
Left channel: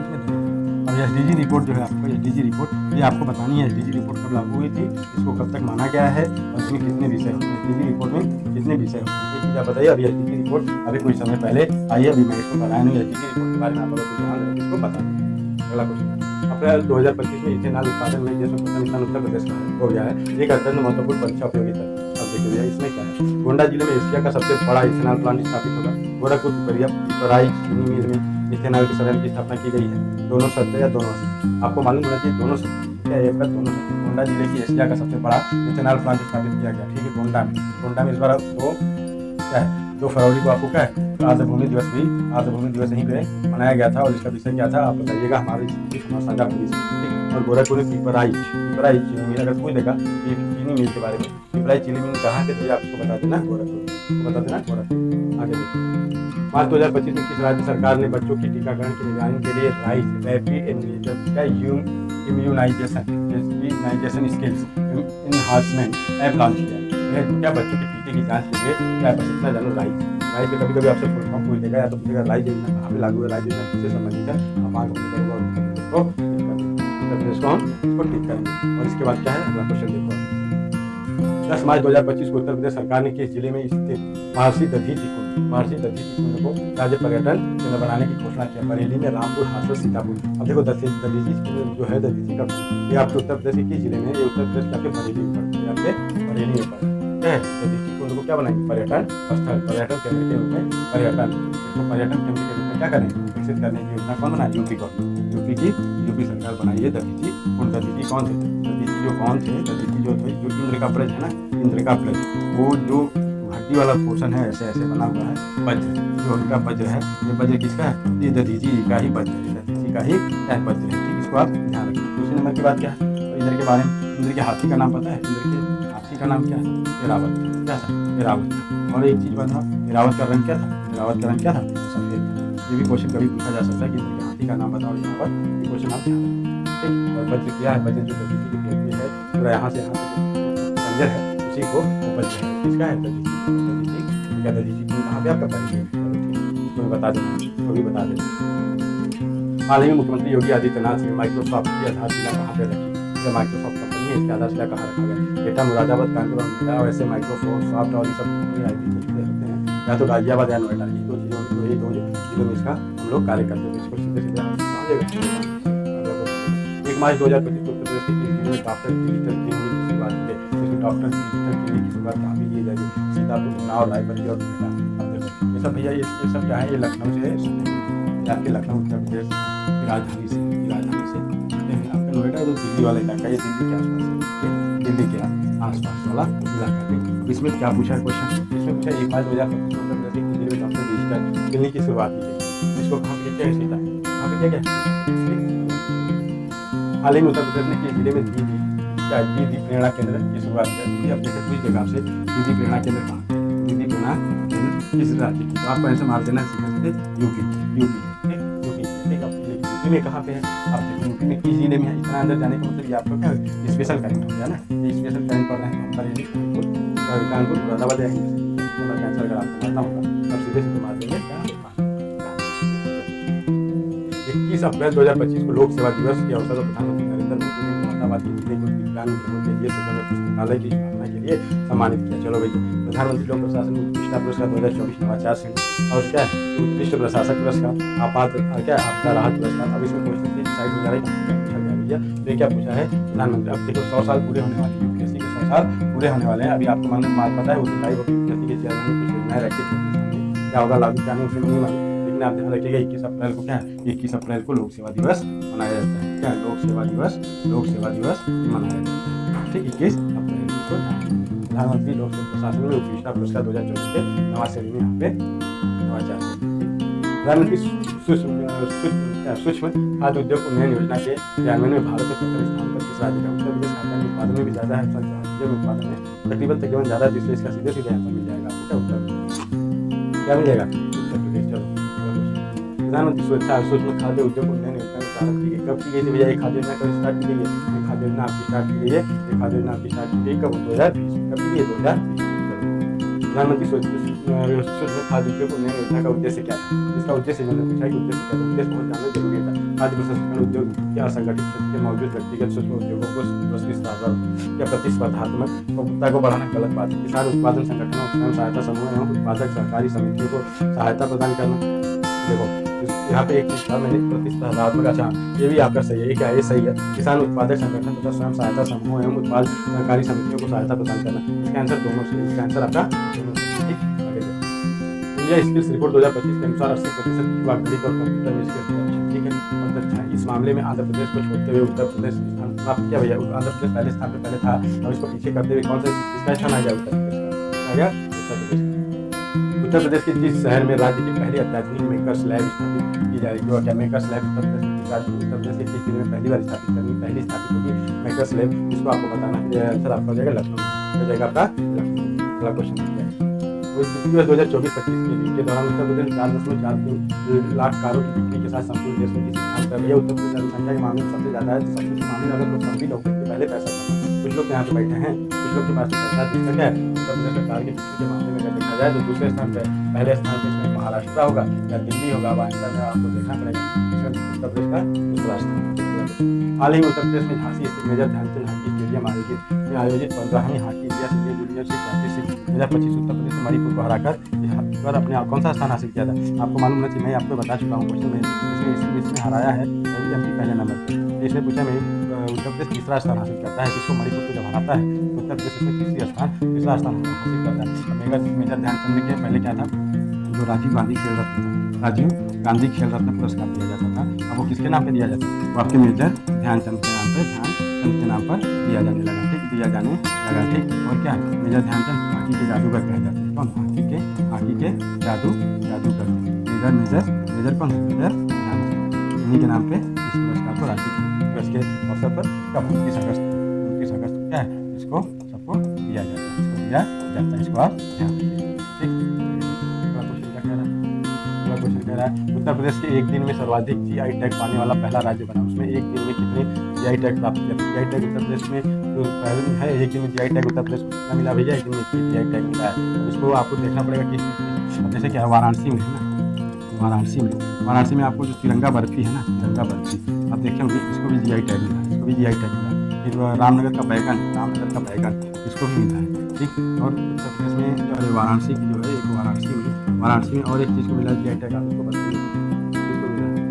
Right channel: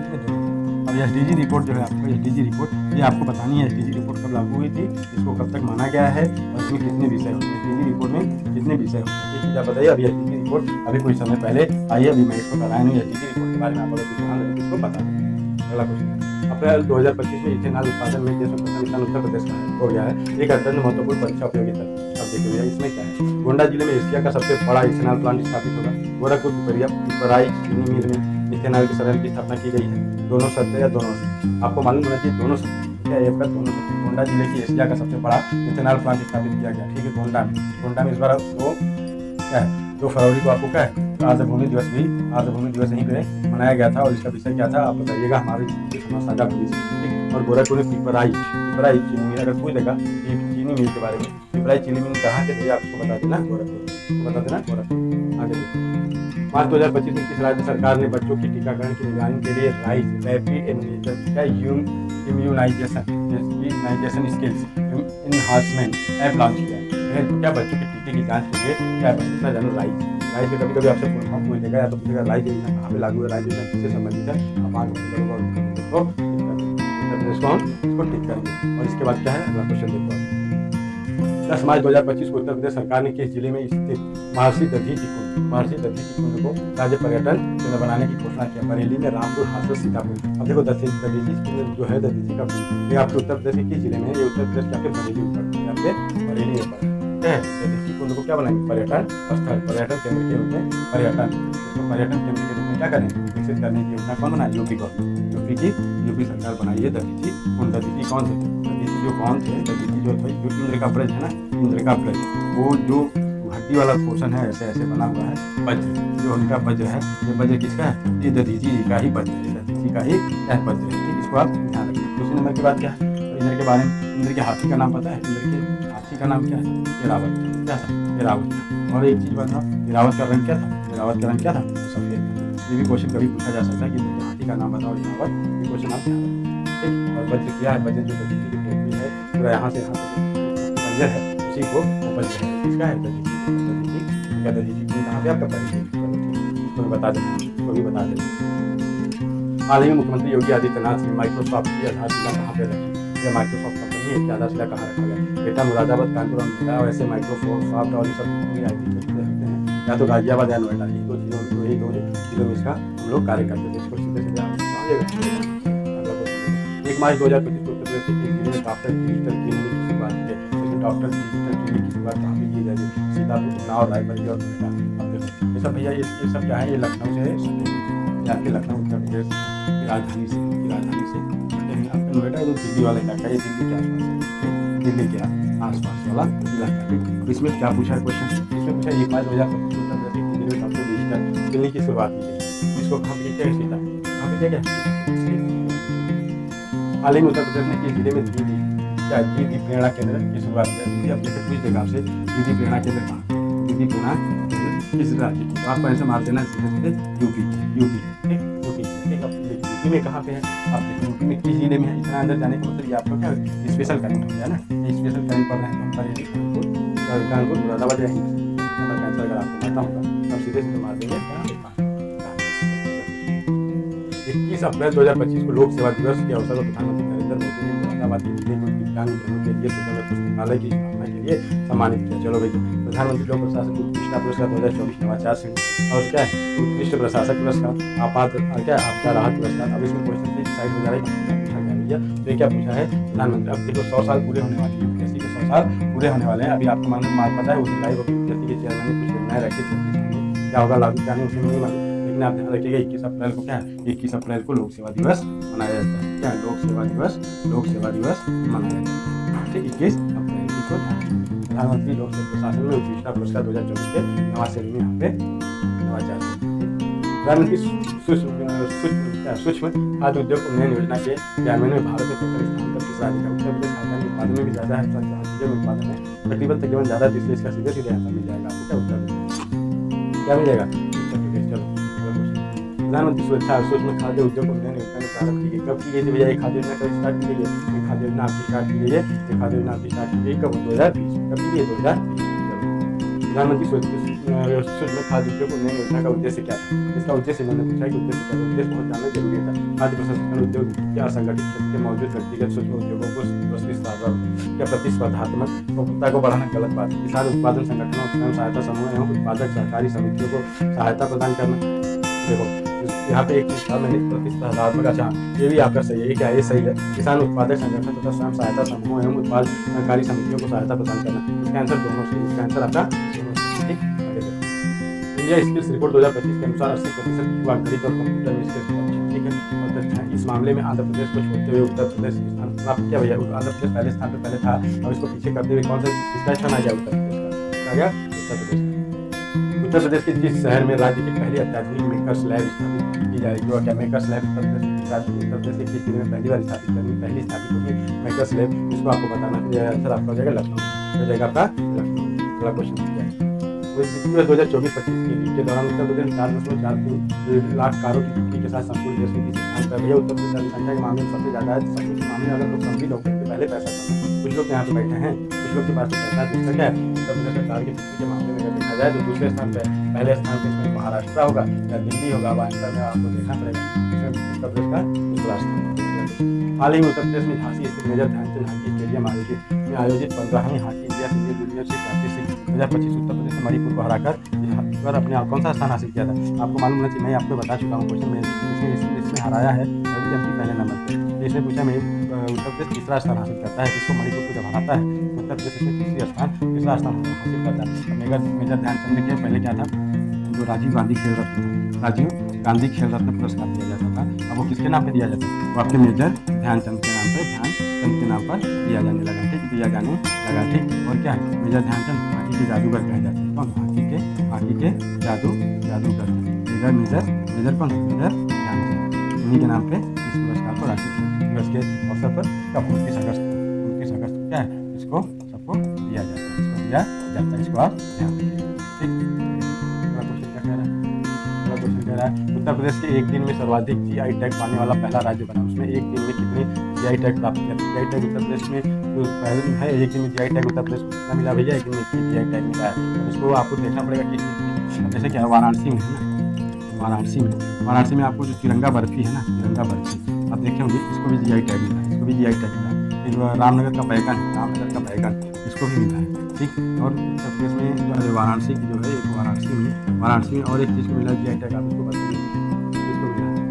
इसमें दोनों सत्य। अब एसडीजी रिपोर्ट जो है आपको, एसडीजी रिपोर्ट ये आपको बतानी है, एसडीजी रिपोर्ट कब लागू हुई थी, इसको कब तक माना गया है और इसमें कितने विषय होते हैं, एसडीजी रिपोर्ट में कितने विषय होते हैं, एक चीज़ आप बताइए। अभी एसडीजी रिपोर्ट अभी कुछ समय पहले आई है, अभी मैं इसको कराया नहीं। एसडीजी रिपोर्ट के बारे में आप अगर कुछ जान रहे हो तो इसको बता दें। अगला क्वेश्चन है, अप्रैल 2025 में इथेनॉल उत्पादन में देश में प्रथम स्थान उत्तर प्रदेश का हो गया है। एक अत्यंत महत्वपूर्ण परीक्षा उपयोगी तथ्य। अब देखिए भैया इसमें क्या है, गोंडा जिले में एशिया का सबसे बड़ा इथेनॉल प्लांट स्थापित होगा। गोरखपुर पिपराई चीनी मिल में इथेनॉल के संयंत्र की स्थापना की गई है। दोनों सत्य या दोनों असत्य? आपको मालूम होना चाहिए दोनों सत्य। ठीक है, एक दोनों सत्य। गोंडा जिले की एशिया का सबसे बड़ा इथेनॉल प्लांट स्थापित किया गया। ठीक है, गोंडा में इस बार क्या है, 2 फरवरी को आपको क्या है, आर्द्रभूमि दिवस यहीं पे मनाया गया था। और इसका विषय क्या था आप बताइएगा, हमारे समाज साझा भविष्य। ठीक, और गोरखपुर में पिपराई चीनी मिल, अगर पूछ देगा कि चीनी मिल के बारे में, पिपराई चीनी मिल कहाँ के थे आप इसको बता देना, गोरखपुर। आगे देखो, मार्च 2025 में किस राज्य सरकार ने बच्चों की टीकाकरण की निगरानी के लिए rapid immunisation skills enhancement app launch किया है? क्या बच्चों के टीके की जांच के लिए क्या, बस इतना जानो, राइज के कभी आपसे फुल फॉर्म पूछ देगा, या तो पूछेगा राइज योजना कहाँ पे लागू है, राइज योजना किससे संबंधित है, आप आंख बंद करोगे और उत्तर प्रदेश को टिक कर देंगे। उत्तर प्रदेश को हम इसको टिक करेंगे। और इसके बाद क्या है, अगला क्वेश्चन देखो। 10 मार्च 2025 को उत्तर प्रदेश सरकार ने किस जिले में स्थित महर्षि दधीचि कुंड को राज्य पर्यटन केंद्र बनाने की घोषणा किया? बरेली में, रामपुर, हाथरस, सीतापुर। अब देखो दधीचि कुंड जो है, दधीचि का कुंड, ये आपके उत्तर प्रदेश के किस जिले में है? ये उत्तर प्रदेश के आपके बरेली में पड़ता है, आपके बरेली में पड़ता है। दधीचि कुंड को क्या बनाएंगे? पर्यटन स्थल, पर्यटन केंद्र के रूप में इसको पर्यटन केंद्र के रूप में क्या करें, विकसित करने की योजना कौन बनाए? यूपी गवर्नमेंट, यूपी सरकार बनाई है दधीचि कुंड। दधीचि कौन थे? दधीचि जो थे, जो इंद्र का ब्रज है ना, इंद्र का ब्रज, वो जो हड्डी वाला पोर्शन है ऐसे बना हुआ है, वज्र, जो उनका वज्र है, ये वज्र किसका है? ये दधीचि का ही वज्र है, ये दधीचि का ही क्या है, वज्र है। ठीक, इसको आप ध्यान रखना। दूसरे नंबर की बात क्या है, इंद्र के बारे में, इंद्र के हाथी का नाम पता है? इंद्र के हाथी का नाम क्या था? ऐरावत था। क्या था? ऐरावत था। और एक चीज़ बताओ, ऐरावत का रंग क्या था? ऐरावत का रंग क्या था? सफ़ेद था। ये भी क्वेश्चन कभी पूछा जा सकता है कि इंद्र के हाथी का नाम बताओ, ऐरावत। ये क्वेश्चन आप ध्यान रखोगे। ठीक, और वज्र क्या है? वज्र जो दधीचि की फेफड़ी है, पूरा यहाँ से यहाँ तक जो उसकी पंजर है, उसी को वो वज्र है। किसका है? दधीचि का। दधीचि कुंड कहाँ पे? आपका बरेली में। चलो ठीक, इसको भी बता देना। हाल ही में मुख्यमंत्री योगी आदित्यनाथ ने माइक्रोसॉफ्ट की आधारशिला कहाँ पर रखी? ये माइक्रोसॉफ्ट कंपनी है, इसकी आधारशिला कहाँ रखा गया? एटा, मुरादाबाद, कानपुर और नोएडा। और ऐसे माइक्रोसॉफ्ट और ये सब जितने IT क्षेत्र से होते हैं, या तो गाजियाबाद या नोएडा, यही दो जिलों में इसका हम लोग कार्य करते हैं। इसको सीधे नोएडा। अगला क्वेश्चन देखो, 1 मार्च 2025 को उत्तर प्रदेश के किस जिले में डॉक्टर डिजिटल क्लिनिक की शुरुआत की गई? इसमें डॉक्टर डिजिटल क्लिनिक की शुरुआत कहाँ पे की जाएगी? सीतापुर, उन्नाव, रायबरेली और नोएडा। अब देखो ये सब भैया, ये सब क्या है, ये लखनऊ से सटे हुए हैं। ये आपके लखनऊ उत्तर प्रदेश की राजधानी से सटे हुए। आपका नोएडा जो दिल्ली वाला इलाका है, ये दिल्ली के आसपास है, ये दिल्ली के आसपास वाला इलाका। ठीक, अब इसमें क्या पूछा है क्वेश्चन? इसमें पूछा 1 मार्च 2025 को उत्तर प्रदेश के किस जिले में डॉक्टर डिजिटल क्लिनिक की शुरुआत की गई? इसको कहाँ पे किया गया? सीतापुर। कहाँ पे किया गया? सीतापुर। ठीक, अगला क्वेश्चन। हाल ही में उत्तर प्रदेश ने किस जिले में दीदी प्रेरणा केंद्र की शुरुआत किया? दीदी, अब जैसे पूछ देगा आपसे, दीदी प्रेरणा केंद्र कहाँ पे? दीदी प्रेरणा केंद्र किस राज्य की? तो आपको ऐसे मार देना सीधे यूपी। ठीक, यूपी की। ठीक, अब यूपी में कहाँ पे है? आप देखो यूपी में किस जिले में है? इतना अंदर जाने का मतलब ये आपको क्या है, स्पेशल करंट हो गया ना। ये स्पेशल करंट पढ़ रहे हैं तो हम बरेली, कानपुर, मुरादाबाद जाएंगे। नंबर का आंसर अगर आपको मारना होगा तो आप सीधे मार देंगे कहाँ पे? कानपुर। 21 अप्रैल 2025 को लोक सेवा दिवस के अवसर पर प्रधानमंत्री नरेंद्र मोदी ने मुरादाबाद के जिले को दिव्यांगजनों के लिए सुगम्य पुस्तकालय की स्थापना के लिए सम्मानित किया। चलो भैया, प्रधानमंत्री लोक प्रशासन उत्कृष्टता पुरस्कार 2024 नवाचार श्रेणी, और क्या है, उत्कृष्ट प्रशासक पुरस्कार, आपदा राहत पुरस्कार। अब इसमें क्वेश्चन से डिसाइड हो जा रहा है कि क्या पूछा गया भैया। तो ये क्या पूछा है? प्रधानमंत्री, अब देखो 100 साल पूरे होने वाले, यूपीएससी के 100 साल पूरे होने वाले हैं। अभी आपको मालूम पता है उस लाइव ऑफ यूपीएससी के चेयरमैन ने कुछ योजनाएं रखी थी अपने सामने, क्या होगा लागू क्या नहीं उसे नहीं मालूम, लेकिन आप ध्यान रखिएगा 21 अप्रैल को क्या है, 21 अप्रैल को लोक सेवा दिवस मनाया जाता है। क्या लोक सेवा दिवस मनाया जाता है। ठीक, 21 अप्रैल को ध्यान रखिए। प्रधानमंत्री लोक सेवा प्रशासन में उत्कृष्टता पुरस्कार 2024 के नवा श्रेणी में यहाँ पे नवाचार श्रेणी। ठीक, प्रधानमंत्री सूक्ष्म खाद्य उद्योग उन्नयन योजना के क्रियान्वयन में भारत में प्रथम स्थान पर किस राज्य का? उत्तर प्रदेश खाद्यान्न उत्पादन में भी ज़्यादा है, हर चीज़ों में उत्पादन में तकरीबन ज़्यादा है, इसलिए इसका सीधे सीधे आंसर मिल जाएगा आपको। क्या उत्तर प्रदेश? क्या मिल जाएगा? उत्तर प्रदेश। चलो अगला क्वेश्चन। प्रधानमंत्री सूक्ष्म खाद्य उद्योग उन्नयन योजना में प्रारंभ की गई, कब की गई थी भैया? ये खाद्य योजना कब स्टार्ट की गई है? ये खाद्य योजना आपकी स्टार्ट की गई है, ये खाद्य योजना आपकी स्टार्ट की गई कब? 2020। कब की गई है? 2020। चलो, प्रधानमंत्री सूक्ष्म खाद्य उद्योग उन्नयन योजना का उद्देश्य क्या था? इसका उद्देश्य मैंने पूछा है कि उद्देश्य क्या था। उद्देश्य बहुत जानना जरूरी था। खाद्य प्रसंस्करण उद्योग के असंगठित क्षेत्र के मौजूद व्यक्तिगत सूक्ष्म उद्योगों को प्रतिस्पर्धात्मकता को बढ़ाना गलत बात है। किसान उत्पादन संगठनों, स्वयं सहायता समूह एवं उत्पादक सहकारी समितियों को सहायता प्रदान करना। देखो यहाँ पे एक चीज़ था, मैंने प्रतिस्पर्धात्मक, अच्छा ये भी आपका सही है। ये क्या है? ये सही है। किसान उत्पादक संगठन तथा स्वयं सहायता समूहों एवं उत्पाद सहकारी समितियों को सहायता प्रदान करना। इसका आंसर दोनों सही, इसका आंसर आपका दोनों सही है। ठीक, आगे देखो। इंडिया स्किल्स रिपोर्ट 2025 के अनुसार 80% युवा गणित और कंप्यूटर में स्किल्स दक्ष, ठीक है, और दक्ष हैं। इस मामले में आंध्र प्रदेश को छोड़ते हुए उत्तर प्रदेश स्थान प्राप्त किया भैया। आंध्र प्रदेश पहले स्थान पर पहले था, अब इसको पीछे करते हुए कौन सा किसका स्थान आ गया? उत्तर प्रदेश का। किसका आ गया? उत्तर प्रदेश का। उत्तर प्रदेश के जिस शहर में राज्य की पहली अत्याधुनिक मेकर्स लैब स्थापित की जाएगी, और क्या मेकर्स लैब उत्तर प्रदेश में किस राज्य, उत्तर प्रदेश के किस जिले में पहली बार पहली स्थापित होगी मेकर्स लैब? इसको आपको बताना है। आंसर आपका हो जाएगा लखनऊ में, हो जाएगा आपका लखनऊ में। अगला क्वेश्चन देखिए। वित्तीय वर्ष 2024-25 के लिए के दौरान उत्तर प्रदेश 4.43 लाख कारों की बिक्री के साथ संपूर्ण देश में किस स्थान पर? भैया उत्तर प्रदेश जनसंख्या के मामले में सबसे ज़्यादा है, तो सब कुछ के मामले में अगर लोग कम भी लोग देंगे, पहले पैसा कम है। कुछ लोग यहाँ पे बैठे हैं, कुछ लोग के पास तो पैसा है, तो इसका क्या है? उत्तर प्रदेश का कार की बिक्री के मामले में अगर देखा जाए तो दूसरे स्थान पर, पहले स्थान पर इसमें महाराष्ट्र होगा या दिल्ली होगा। अब आंसर में आपको देखना पड़ेगा, इसमें उत्तर प्रदेश का दूसरा स्थान। अगला क्वेश्चन। हाल ही में उत्तर प्रदेश में झांसी स्थित मेजर ध्यानचंद हॉकी स्टेडियम आयोजित 15वीं हॉकी इंडिया सीनियर जूनियरशिप राष्ट्रीय 2025 उत्तर प्रदेश ने मणिपुर को हराकर अपने आप कौन सा स्थान हासिल किया था? आपको मालूम होना चाहिए, मैं आपको बता चुका हूँ क्वेश्चन में। इसमें हराया है एमपी पहले नंबर पर। तो इसने पूछा मैं उत्तर प्रदेश तीसरा स्थान हासिल करता है, किसको? मणिपुर को जब हराता है तो उत्तर प्रदेश इसमें तीसरा स्थान हासिल करता है। अब मेजर ध्यानचंद के पहले क्या था? जो राजीव गांधी खेल रत्न था, राजीव गांधी खेल रत्न पुरस्कार दिया जाता था। अब वो किसके नाम पे दिया जाता है? वो आपके मेजर ध्यानचंद के नाम पर, ध्यानचंद के नाम पर दिया जाने लगा। ठीक, दिया जाने लगा। ठीक, और क्या है? मेजर ध्यानचंद हॉकी के जादूगर कहे जाते हैं। कौन? हॉकी के जादूगर थे। मेजर कौन है? मेजर ध्यानचंद। इन्हीं के नाम पे इस पुरस्कार को राष्ट्रीय खेल दिवस के अवसर पर कब? 29 अगस्त को क्या है? इसको सबको दिया जाता है, इसको आप ध्यान रखिए। ठीक, अगला क्वेश्चन क्या कह रहा है? अगला क्वेश्चन कह रहा है उत्तर प्रदेश के एक दिन में सर्वाधिक जीआई टैग पाने वाला पहला राज्य बना। उसमें एक दिन में कितने जीआई टैग प्राप्त किया था? जीआई टैग उत्तर प्रदेश में जो पहले है, एक दिन में जीआई टैग उत्तर प्रदेश को कितना मिला भैया? एक दिन में 21 जीआई टैग मिला है। अब इसको आपको देखना पड़ेगा किस चीज़ की। अब जैसे क्या वाराणसी में है ना, वाराणसी में आपको जो तिरंगा बर्फी है ना, तिरंगा बर्फी आप देखे होंगे, इसको भी जीआई टैग मिला है, फिर रामनगर का बैगन इसको भी मिला है। ठीक, और उत्तर प्रदेश में जो वाराणसी की जो है, एक वाराणसी में और एक चीज़ को मिला जीआई टैग, आप इसको बताइए किसको मिला है?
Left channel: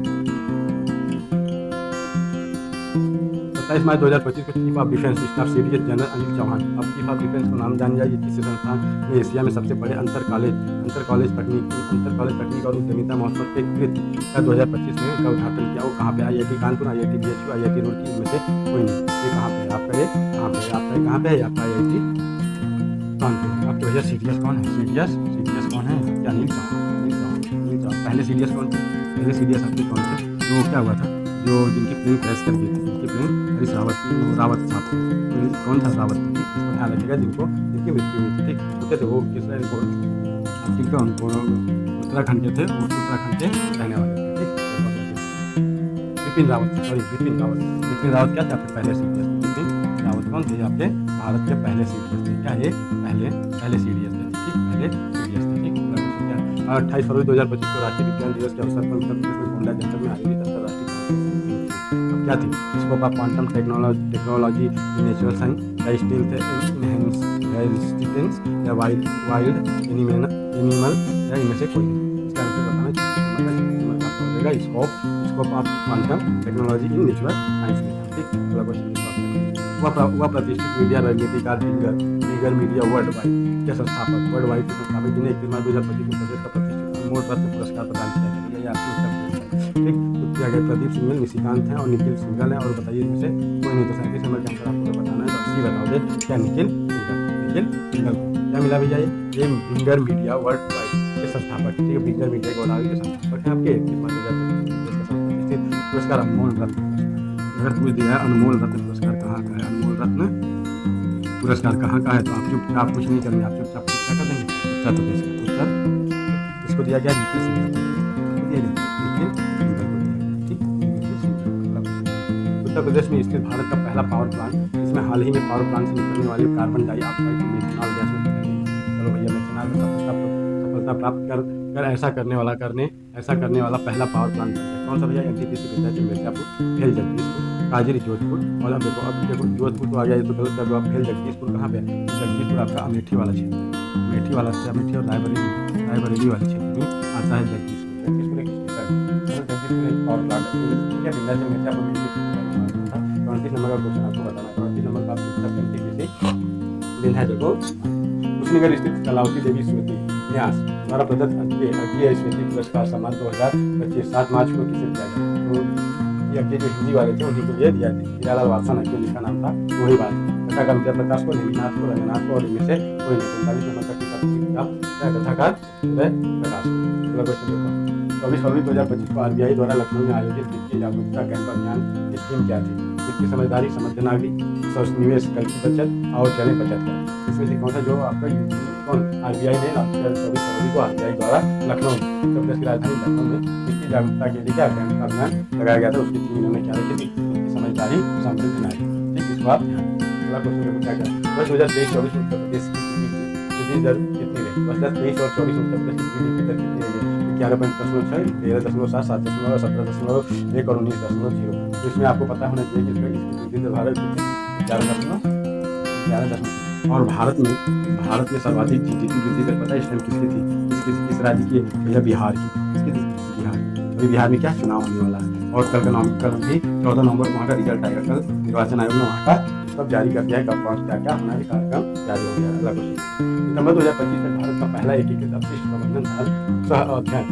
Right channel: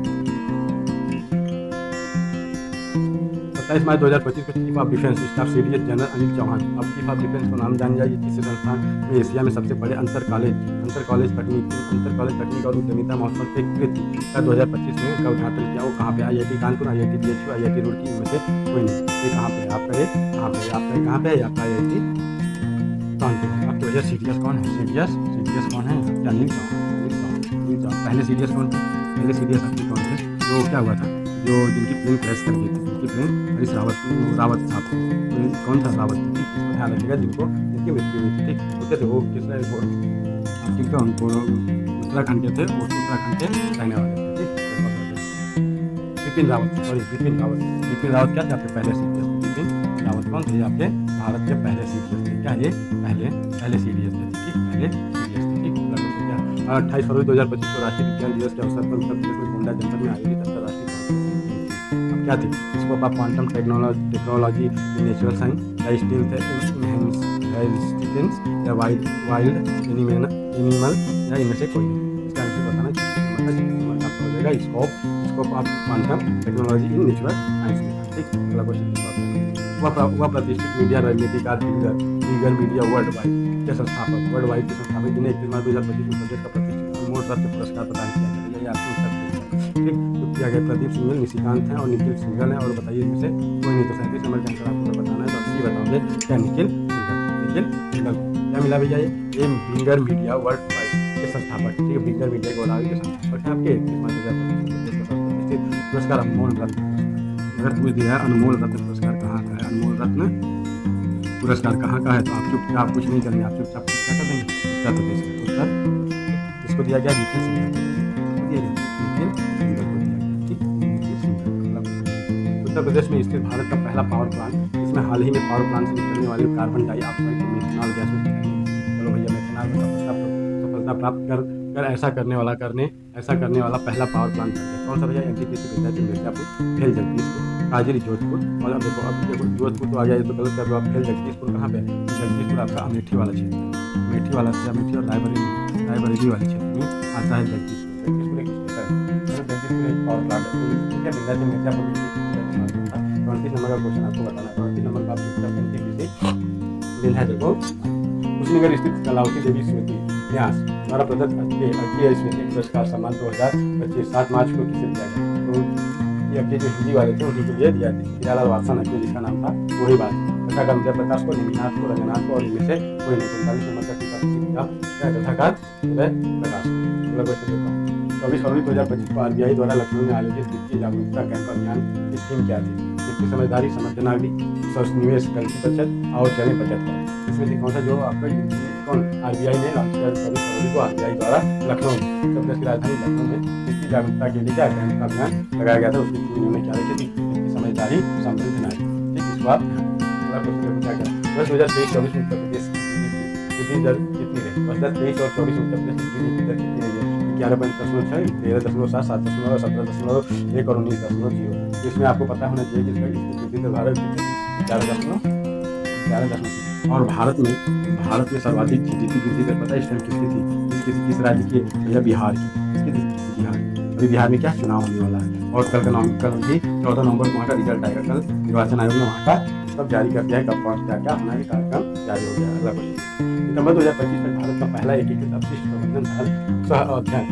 27 मार्च 2025 को chief of defence staff CDS general Anil Chauhan. अब चीफ ऑफ डिफेंस को नाम जान जाइए किस संस्थान में एशिया में सबसे बड़े अंतर कॉलेज तकनीक और उद्यमिता महोत्सव के कृत्य का 2025 में का उद्घाटन किया? वो कहाँ पे? IIT Kanpur, IIT BHU, IIT Roorkee, इनमें से कोई नहीं। ये कहाँ पे है आपका? ये कहाँ पे है आपका? आईआईटी कानपुर। आपके भैया सीडीएस कौन है? सीडीएस कौन है आपके? अनिल चौहान। पहले सीडीएस कौन थे? पहले सीडीएस आपके कौन थे? जो क्या हुआ था, जो जिनकी प्लेन क्रैश कर गई थी, हरीश रावत साहब थे। तो कौन था? रावत थे। ठीक, इसको ध्यान रखिएगा, जिनकी मृत्यु हुई थी। ठीक, तो क्या थे वो? किसने? उत्तराखंड के थे, उत्तराखंड के रहने वाले थे। ठीक, बिपिन रावत क्या थे आपके पहले सीडीएस थे? बिपिन रावत कौन थे? आपके भारत के पहले सीडीएस थे। क्या ये? पहले सीडीएस थे। ठीक, पहले सीडीएस थे। ठीक, अगला क्वेश्चन क्या है? 28 फरवरी 2025 को राष्ट्रीय विज्ञान दिवस के अवसर पर उत्तर प्रदेश में गोंडा जनपद में आयोजित अंतर्राष्ट्रीय कॉन्फ्रेंस की थीम थी। अब क्या थी? Scope of quantum technology in natural science, या स्टील थे इनहेरिटेंस, या वाइल्ड एनिमल, या इनमें से कोई नहीं। इसका आंसर बताना 36 नंबर का आपका हो जाएगा scope of quantum technology in natural science में था। ठीक, अगला क्वेश्चन देखो आपका। वह प्रतिष्ठित मीडिया रणनीतिकार बिगर मीडिया वर्ल्ड वाइड के संस्थापक जिन्हें 31 मार्च 2025 में प्रदेश का प्रतिष्ठित अनमोल रत्न पुरस्कार प्रदान किया गया। ये आपके उत्तर प्रदेश का। ठीक, तो किया गया प्रदीप सिंघल, निशिकांत हैं और निखिल सिंघल हैं। और बताइए इनमें से कोई नहीं। तो 37 नंबर का आंसर आपको अगर बताना है तो 80 बताओगे। क्या? निखिल सिंघल को क्या मिला भैया? ये बिगर मीडिया वर्ल्ड वाइड के संस्थापक हैं, ठीक है। बिंगर मीडिया गोदावरी के संस्थापक हैं आपके। 31 मार्च 2025 को प्रदेश का सर्वप्रतिष्ठित पुरस्कार अनमोल रत्न पुरस्कार। अगर पूछ दिया है अनमोल रत्न पुरस्कार कहाँ का है, अनमोल रत्न पुरस्कार कहाँ का है, तो आप चुपचाप कुछ नहीं करेंगे, आप चुपचाप क्या कर देंगे, उत्तर प्रदेश का, उत्तर प्रदेश। इसको दिया गया निखिल सिंघल को दिया गया, इसको दिया गया निखिल सिंघल को दिया गया, ठीक, निखिल सिंघल। अगला क्वेश्चन, उत्तर प्रदेश में स्थित भारत का पहला पावर प्लांट, इसमें हाल ही में पावर प्लांट से निकलने वाले कार्बन डाइऑक्साइड को मेथनॉल गैस में बदलने में, चलो भैया मेथनॉल में सफलता प्राप्त कर ऐसा करने वाला पहला पावर प्लांट बन गया। कौन सा भैया, एनटीपीसी विंध्याचल मिर्जापुर, भेल जगदीशपुर, काजरी जोधपुर। और अब देखो जोधपुर तो आ गया, ये तो गलत कर दो आप। भेल जगदीशपुर कहाँ पे है, तो जगदीशपुर आपका अमेठी वाला क्षेत्र है, अमेठी और रायबरेली वाले क्षेत्र में आता है जगदीशपुर। जगदीशपुर एक स्टेशन है, मतलब जगदीशपुर एक पावर प्लांट है। ठीक है, विंध्याचल मिर्जापुर में एनटीपीसी का निर्माण हुआ था। 29 नंबर का क्वेश्चन आपको बताना है। 29 नंबर का आप चुपचाप एनटीपीसी विंध्याचल को। कुशीनगर स्थित कलावती देवी स्मृति न्यास द्वारा प्रदत्त अज्ञेय स्मृति पुरस्कार सम्मान 2025 7 मार्च को किसे दिया गया, तो ये अज्ञेय जो हिंदी वाले थे उन्हीं के लिए दिया। हीरालाल वात्सन अज्ञेय जिसका नाम था वही बात है। कथाकार उदय प्रकाश को, नेमिनाथ को, रंगनाथ को और इनमें से कोई नहीं। 39 नंबर का टीका कथाकार उदय प्रकाश को। अगला क्वेश्चन देखो, 24 फरवरी 2025 को आरबीआई द्वारा लखनऊ में आयोजित वित्तीय जागरूकता कैंप अभियान की थीम क्या थी, वित्तीय समझदारी, समझ नागरिक, निवेश, कल की बचत और चलें बचत करें। इसमें से कौन सा जो आपका आरबीआई ने लॉन्च किया 24 फरवरी को आरबीआई द्वारा लखनऊ में, उत्तर प्रदेश की राजधानी लखनऊ में वित्तीय जागरूकता के लिए क्या कैंप का अभियान लगाया गया था। उसकी थीम इन्होंने क्या रखी थी, वित्तीय समझदारी, समृद्ध नारी, ठीक, इसको आप ध्यान रखें। अगला क्वेश्चन देखो क्या क्या, वर्ष 2023-24 में उत्तर प्रदेश की जीडीपी वृद्धि दर कितनी रही। वर्ष 2023 और 24 में उत्तर प्रदेश की जीडीपी दर कितनी रही है, 11.6, 13.7, 7.7, 17.1 और 19.0। तो इसमें आपको पता होना चाहिए कि इसकी वृद्धि दर भारत कितनी, 11.3। और भारत में सर्वाधिक जीडीपी वृद्धि दर पता है इस टाइम किसकी थी, किस राज्य की, भैया बिहार की। किसकी थी, बिहार की। अभी बिहार में क्या चुनाव होने वाला है और कल भी 14 नवंबर को वहाँ का रिजल्ट आएगा। कल निर्वाचन आयोग ने वहाँ का सब जारी कर दिया है, कब कौन क्या होना है, कार्यक्रम जारी हो गया। अगला क्वेश्चन, सितंबर 2025 तक भारत का पहला एकीकृत अपशिष्ट प्रबंधन सह अध्ययन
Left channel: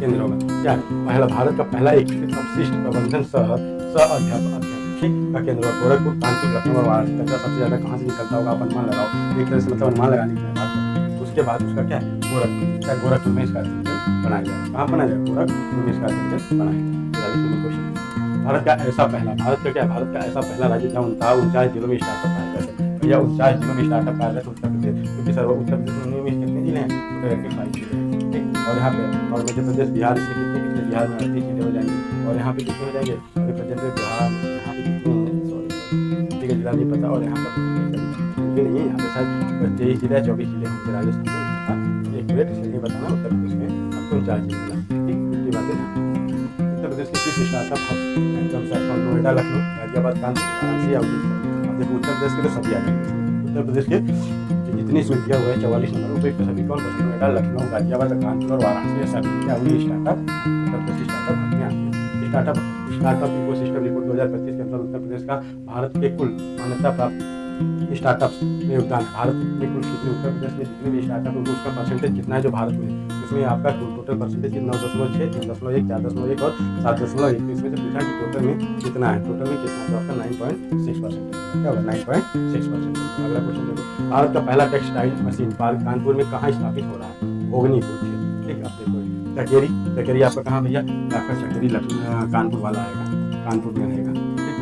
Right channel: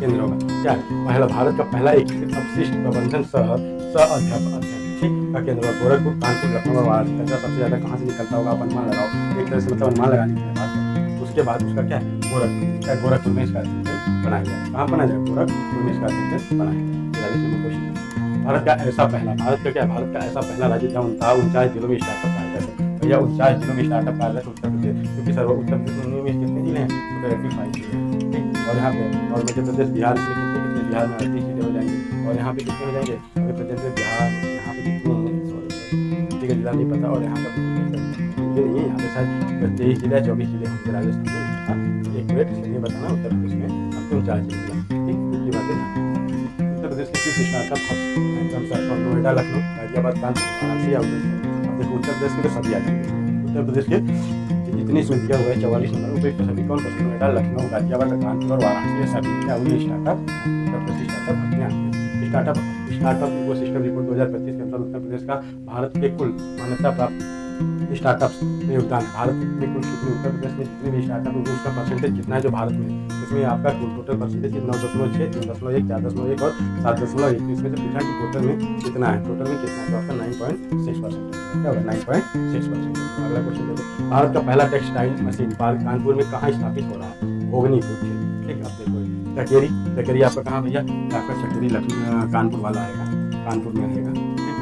केंद्र होगा। क्या है, पहला भारत का पहला एकीकृत अपशिष्ट प्रबंधन सह अध्ययन, ठीक, का केंद्र होगा। गोरखपुर, कानपुर, लखनऊ और वाराणसी। कचरा सबसे ज़्यादा कहाँ से निकलता होगा, आप अनुमान लगाओ। एक तरह से मतलब अनुमान लगाने की मैं बात करूँ। उसके बाद उसका क्या है, गोरखपुर में इसका सेंटर बनाया जाएगा। कहाँ बनाया जाएगा, गोरखपुर में इसका सेंटर बनाया जाएगा। 43 नंबर क्वेश्चन, भारत का ऐसा पहला राज्य जहाँ 49 जिलों में स्टार्टअप कार्यरत है। भैया 49 जिलों में स्टार्टअप कार्यरत है उत्तर प्रदेश, क्योंकि उत्तर प्रदेश में कितने जिले हैं, टोटल 85 जिले हैं, ठीक। और यहाँ पे और मध्य प्रदेश, बिहार, इसमें कितने बिहार में 38 जिले हो जाएंगे। और यहाँ पे कितने हो जाएंगे, अभी प्रेजेंट में बिहार यहाँ पे कितने हैं, सॉरी एमपी का जिला नहीं पता, और यहाँ का भी जिले का जानकारी मुझे नहीं है। यहाँ पे शायद 23 जिले या 24 जिले होंगे, राजस्थान में नहीं पता, तो एक मिनट इसलिए नहीं बताना। उत्तर प्रदेश में आपको 49 जिले में लाए, ठीक, इतनी बातें ध्यान। उत्तर प्रदेश के 30 स्टार्टअप हब नोएडा, लखनऊ, गाजियाबाद, कानपुर, वाराणसी, औद्योगिक। अब देखो उत्तर प्रदेश के तो सभी आ जाएंगे इसमें। उत्तर प्रदेश के जितनी इसमें दिया हुआ है 44 नंबर उपयुक्त सभी कौन पसंद, नोएडा, लखनऊ, गाजियाबाद, कानपुर और वाराणसी, ये सभी क्या हुई स्टार्टअप है, उत्तर प्रदेश स्टार्टअप हब में आते हैं। स्टार्टअप इकोसिस्टम रिपोर्ट 2025 के अनुसार उत्तर प्रदेश का भारत के कुल मान्यता प्राप्त स्टार्टअप्स में योगदान है। भारत में कुल कितने, उत्तर प्रदेश में जितने भी स्टार्टअप होंगे उसका परसेंटेज कितना है जो भारत में है, इसमें आपका टोटल परसेंटेज 9.6, 3.1, 4.1 और 7.1। तो इसमें से पूछा कि टोटल में कितना है, तो आपका 9.6% होगा। क्या होगा, 9.6% होगा। अगला क्वेश्चन देखो, भारत का पहला टेक्सटाइल मशीन पार्क कानपुर में कहाँ स्थापित हो रहा है, भोगनीपुर क्षेत्र, ठीक। अब देखो चकेरी आपका कहाँ भैया, आपका चकेरी लखनऊ कानपुर वाला आएगा, कानपुर में रहेगा, ठीक।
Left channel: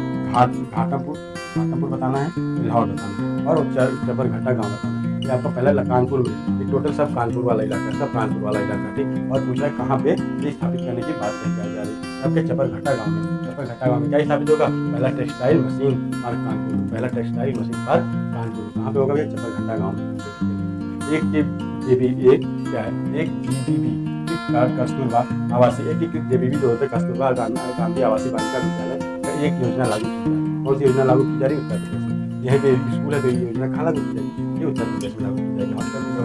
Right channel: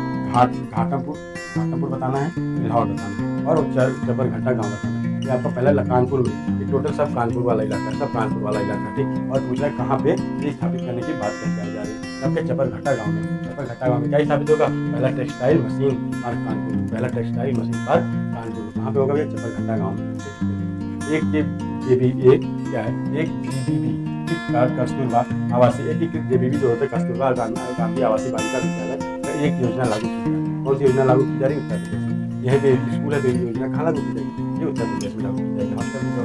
घाटमपुर बताना है, लाहौर बताना है और चपरघट्टा गांव बताना है। ये आपका पहला कानपुर में, ये टोटल सब कानपुर वाला इलाका, ठीक। और पूछा है कहाँ पे ये स्थापित करने की बात कही जा रही है, आपके चपरघट्टा गांव में क्या स्थापित होगा, पहला टेक्सटाइल मशीन पार्क कानपुर में, कहाँ पे होगा भैया, चपरघट्टा गाँव में, ठीक। एक जीबीबी कस्तूरबा आवासीय एकीकृत जेबीबी जो होता है कस्तूरबा गांधी आवासीय बालिका विद्यालय, एक योजना लागू की जा रही है। कौन सी योजना लागू की जा रही है, उत्तर प्रदेश में। यहीं पे स्कूल है तो ये योजना कहाँ लागू की जाएगी, ये उत्तर प्रदेश में लागू की जाएगी। हॉस्टल की